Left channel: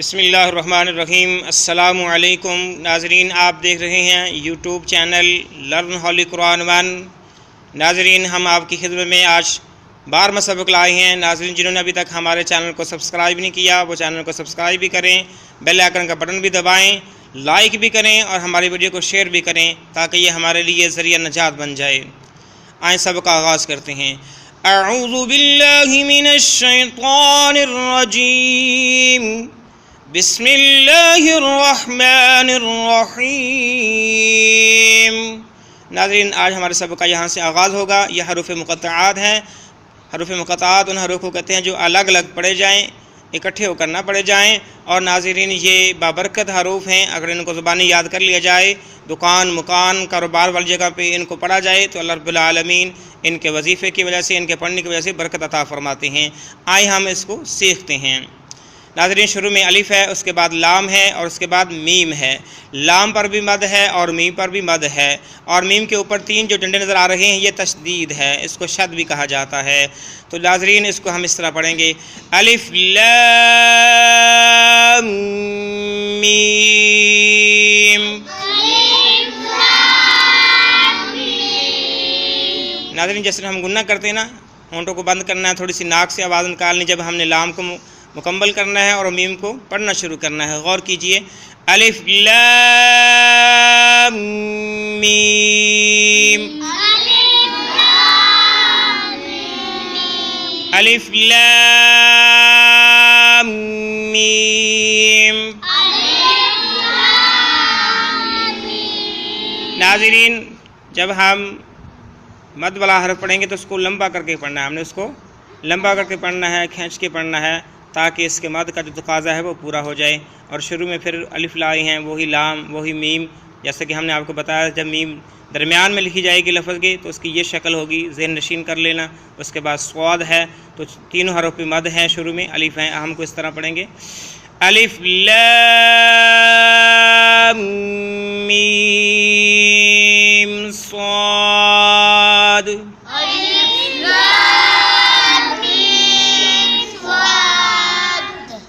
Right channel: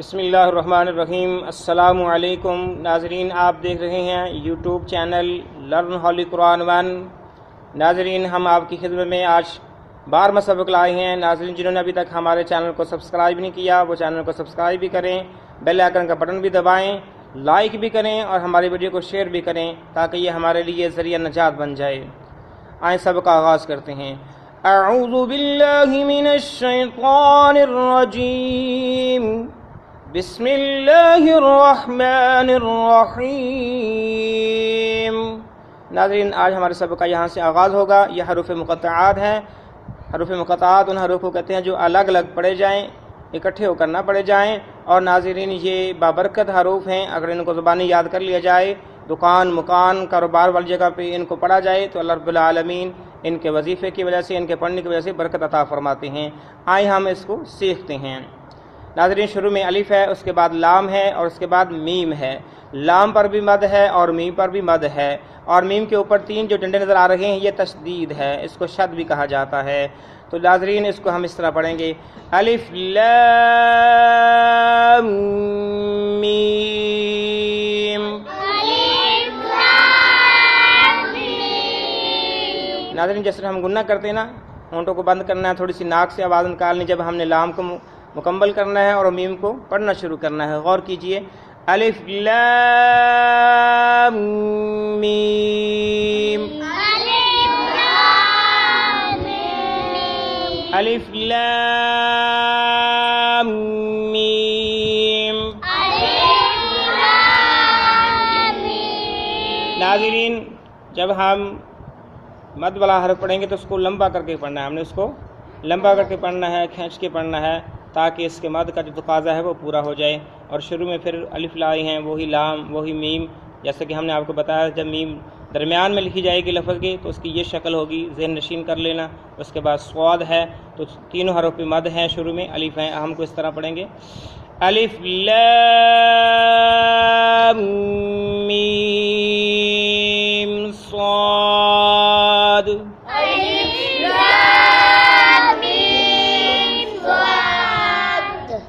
بسم اللہ الرحمن الرحیم۔ السلام علیکم ناظرین، آپ دیکھ رہے ہیں یوٹیوب چینل لرن ہولی قرآن ون۔ ناظرین، ہم آپ کی خدمت میں آج 12واں سبق لائے ہیں۔ ناظرین، جنہوں نے ابھی تک ہمارے چینل کو سبسکرائب نہیں کیا وہ چینل کو سبسکرائب بھی کریں، بیل آئیکن کا بٹن بھی دبائیں، لائک بھی کریں اور ہماری ویڈیو کو شیئر بھی کریں تاکہ یہ ہمارے لیے ذریعہ نجات بن جائے۔ آئیں سبق کا آغاز کرتے ہیں۔ اعوذ باللہ من الشیطان الرجیم، بسم اللہ الرحمن الرحیم۔ ناظرین، آج ہمارے سبق کا یہاں سے آغاز ہوگا۔ یہ حروف مقطعات ہیں۔ حروف مقطعات ان حروف کو کہتے ہیں جو الگ الگ پڑھے جائیں، اکٹھے ہو کر نہ پڑھے جائیں۔ اور ناظرین، یہ بابرکت حروف ہیں۔ اگر ان کو زبانی یاد کر لیا جائے، دکان مکان کاروبار والی جگہ پہ ان کو پڑھا جائے تو اللہ رب العالمین ان کے وظیفے کی وجہ سے، ان کے پڑھنے کی وجہ سے برکت عطا فرماتے ہیں۔ آئے ہم اس کو سیکھتے ہیں۔ ناظرین، شروع میں الف ہے، اس کے بعد لام ہے اور اس کے بعد میم ہے۔ لام پر بھی مد ہے اور میم پر بھی مد ہے، اور میم کے اوپر 3 جو ڈنڈے نظر آ رہے ہیں یہ تشدید ہے، اس کو شد بھی کہا جاتا ہے۔ تو ناظرین، اس کو ہم اس طرح پڑھیں گے: الف لام میم۔ ناظرین، جیسے ہم گنہ کرتے ہیں نا، ہونٹوں کو بند کرنا ہے، تھوڑی سی ناک سے آواز نکالنی جب ہم نے لام کو مکمل کرنا ہے اور میم کو پڑھنا شروع کرنا ہے۔ غور کیجئے: الف لام میم، الف لام میم۔ ناظرین، جب ہم مد والا حرف پڑھیں گے تو اس کو لمبا کر کے پڑھنا ہے۔ ہم نے اس کو لمبا کر کے پڑھنا ہے، کھینچ کے پڑھنا ہے تاکہ اس کے مد کا جو تقاضا ہے وہ پورا ہو جائے۔ اور شروع میں پھر الف لائی ہیں، وہی لام وہی میم، جیسے کہ ہم نے آپ کو بتایا جب میم درمیان میں لکھی جائے گی لفظ کے تو اس کی یہ شکل ہوگی، ذہن نشین کر لینا۔ اس کے بعد صاد ہے، تو تینوں حروف پہ مد ہیں، شروع میں الف ہیں۔ ہم کو اس طرح پڑھیں گے: الف لام میم صاد۔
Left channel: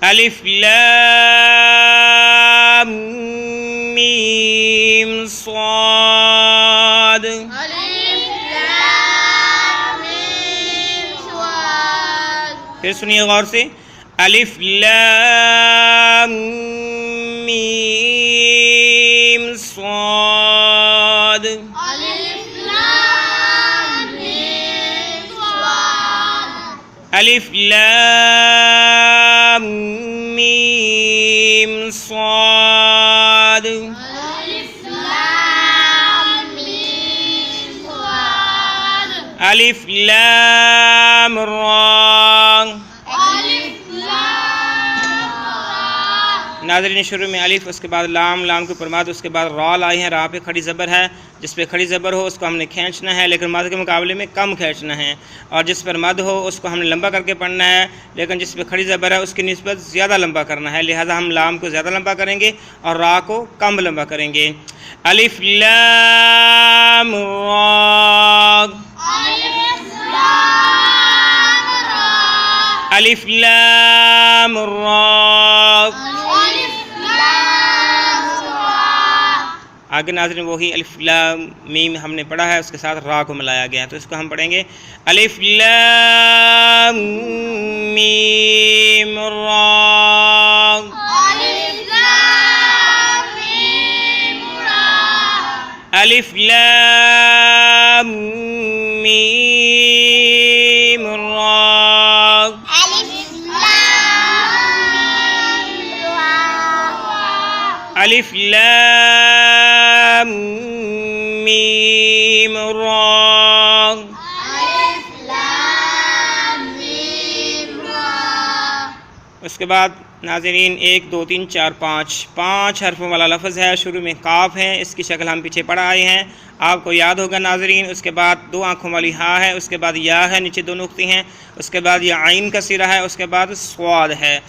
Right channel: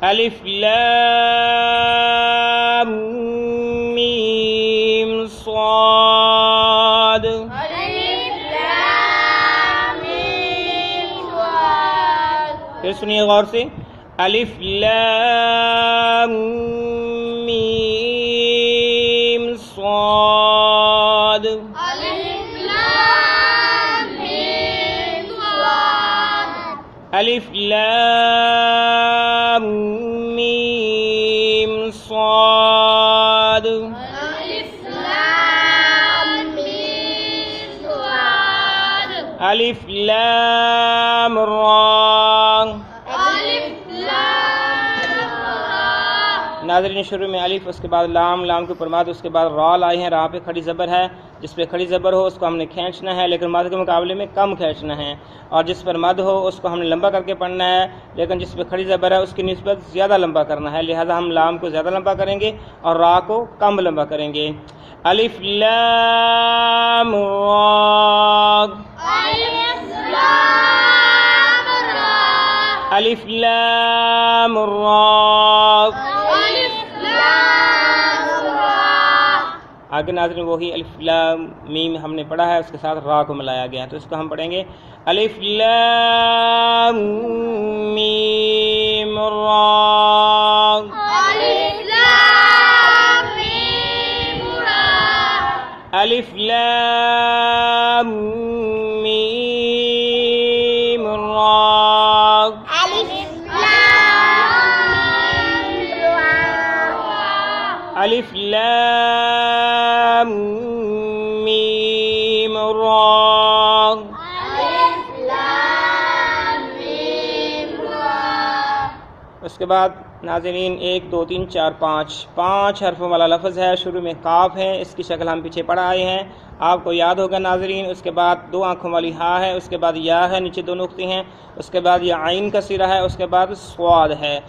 الف لام میم صاد۔ پھر سنیے غور سے: الف لام میم صاد۔ الف لام میم صاد۔ الف لام را۔ ناظرین، شروع میں الف، اس کے بعد لام، لام کے اوپر مد، اس کے بعد را لائی ہیں۔ را پہ کھڑی زبر ہے، جس پہ کھڑی زبر ہو اس کو ہم نے کھینچنا ہے، لیکن مد کے مقابلے میں کم کھینچنا ہے۔ اور جس پر مد ہو اس کو ہم نے لمبا کر کے پڑھنا ہے، لیکن جس پہ کھڑی زبر ہے اس کی نسبت زیادہ لمبا کرنا ہے، لہذا ہم لام کو زیادہ لمبا کریں گے اور را کو کم لمبا کریں گے۔ الف لام را۔ الف لام را۔ آگے ناظرین وہی الف لام میم ہم نے پڑھا ہے، اس کے ساتھ را کو ملایا گیا ہے، تو اس کو ہم پڑھیں گے: الف لام میم را۔ الف لام میم را۔ الف لام میم را۔ اس کے بعد ناظرین 1 2 3 4 5 حرفوں والا لفظ ہے۔ شروع میں کاف ہے، اس کی شکل ہم پیچھے پڑھ آئے ہیں، آپ کو یاد ہوگا ناظرین۔ اس کے بعد 2 آنکھوں والی ہا ہے، اس کے بعد یا ہے، نیچے 2 نقطے ہیں، اس کے بعد یہ عین کا سرا ہے، اس کے بعد صاد ہے۔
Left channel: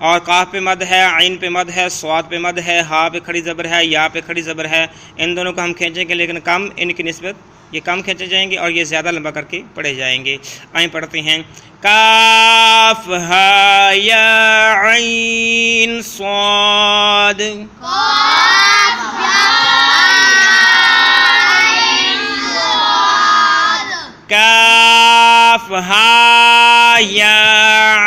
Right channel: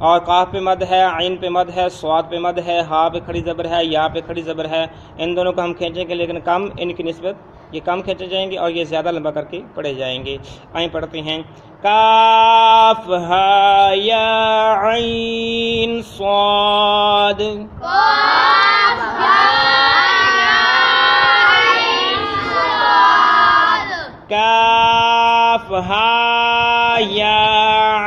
اور قاف پہ مد ہے، عین پہ مد ہے، صاد پہ مد ہے، ہا پہ کھڑی زبر ہے، یا پہ کھڑی زبر ہے. ان دونوں کو ہم کھینچیں گے لیکن کم، ان کی نسبت یہ کم کھینچے جائیں گے اور یہ زیادہ لمبا کر کے پڑھے جائیں گے. آئیں پڑھتے ہیں. کاف ہا یا عین صاد. کاف ہا یا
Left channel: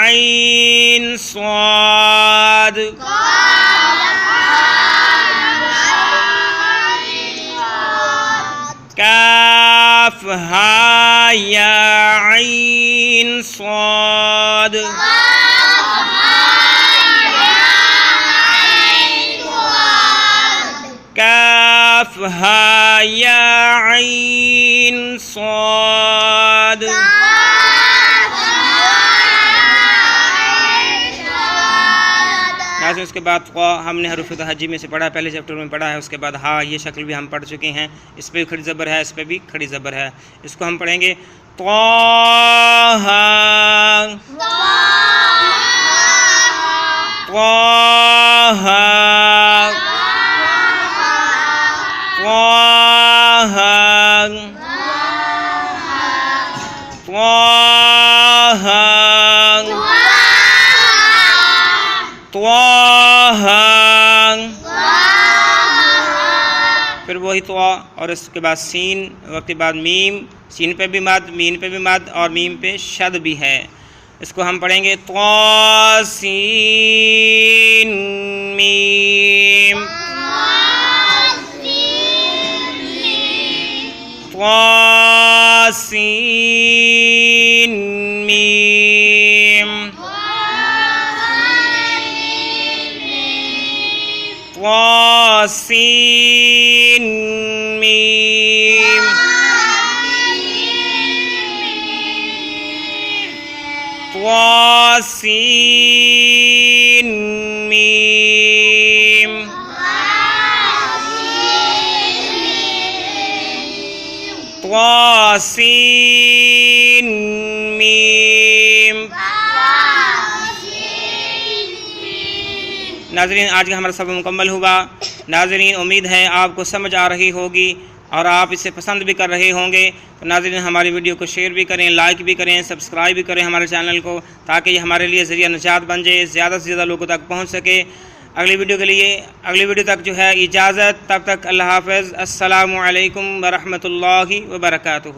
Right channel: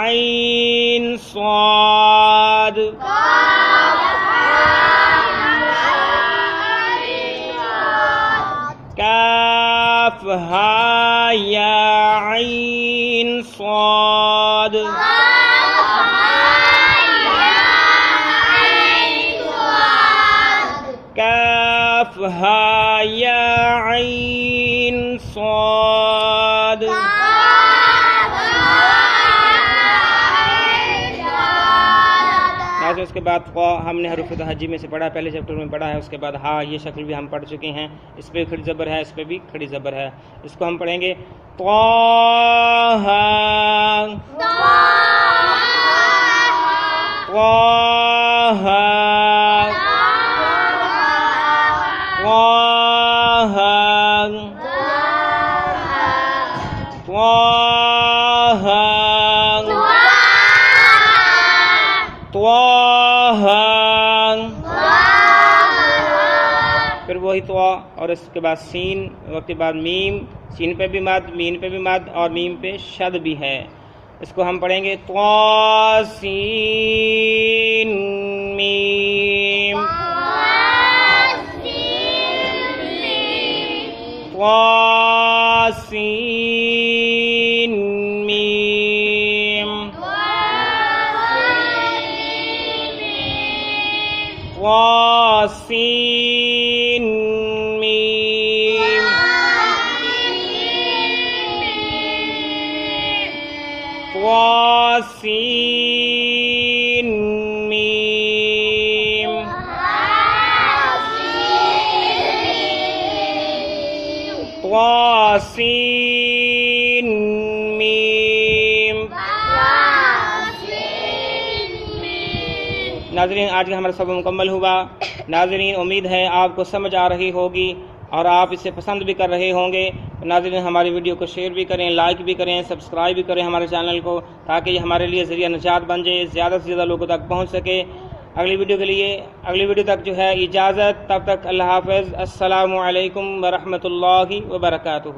عین صاد. کاف ہا یا عین صاد. کاف ہا یا عین صاد. اس کے بعد ہم نے حروف تہجی میں سے پڑھا، پہلے چیپٹر میں پڑھا ہے. اس کے بعد ہا، یہ شکل بھی ہم پڑھ چکے ہیں. اس پہ بھی کھڑی زبر ہے، اس پہ بھی کھڑی زبر ہے. اس کو ہم پڑھیں گے طٰہٰ. پھر وہی طا، اور اس کے بعد سین، وقت کے بعد میم. سین پہ بھی مد، مین پہ بھی مد، اور میم پہ شد بھی ہے. اس کو ہم پڑھیں گے طا سین میم. طا سین میم. طا سین میم. طا سین میم. طا سین میم. ناظرین، آج کا ہمارا سبق مکمل ہوا. ناظرین، امید ہے آپ کو سمجھ آ رہی ہوگی اور آپ اسے پسند بھی کر رہے ہوں گے. تو ناظرین، ہماری ویڈیو کو شیئر بھی کریں، لائک بھی کریں، سبسکرائب بھی کریں ہمارے چینل کو، تاکہ یہ ہمارے لیے ذریعہ نجات بن جائے، زیادہ سے زیادہ لوگوں تک پہنچ سکے. اگلی ویڈیو تک جو ہے اجازت. تب تک اللہ حافظ. السلام علیکم ورحمۃ اللہ وبرکاتہ.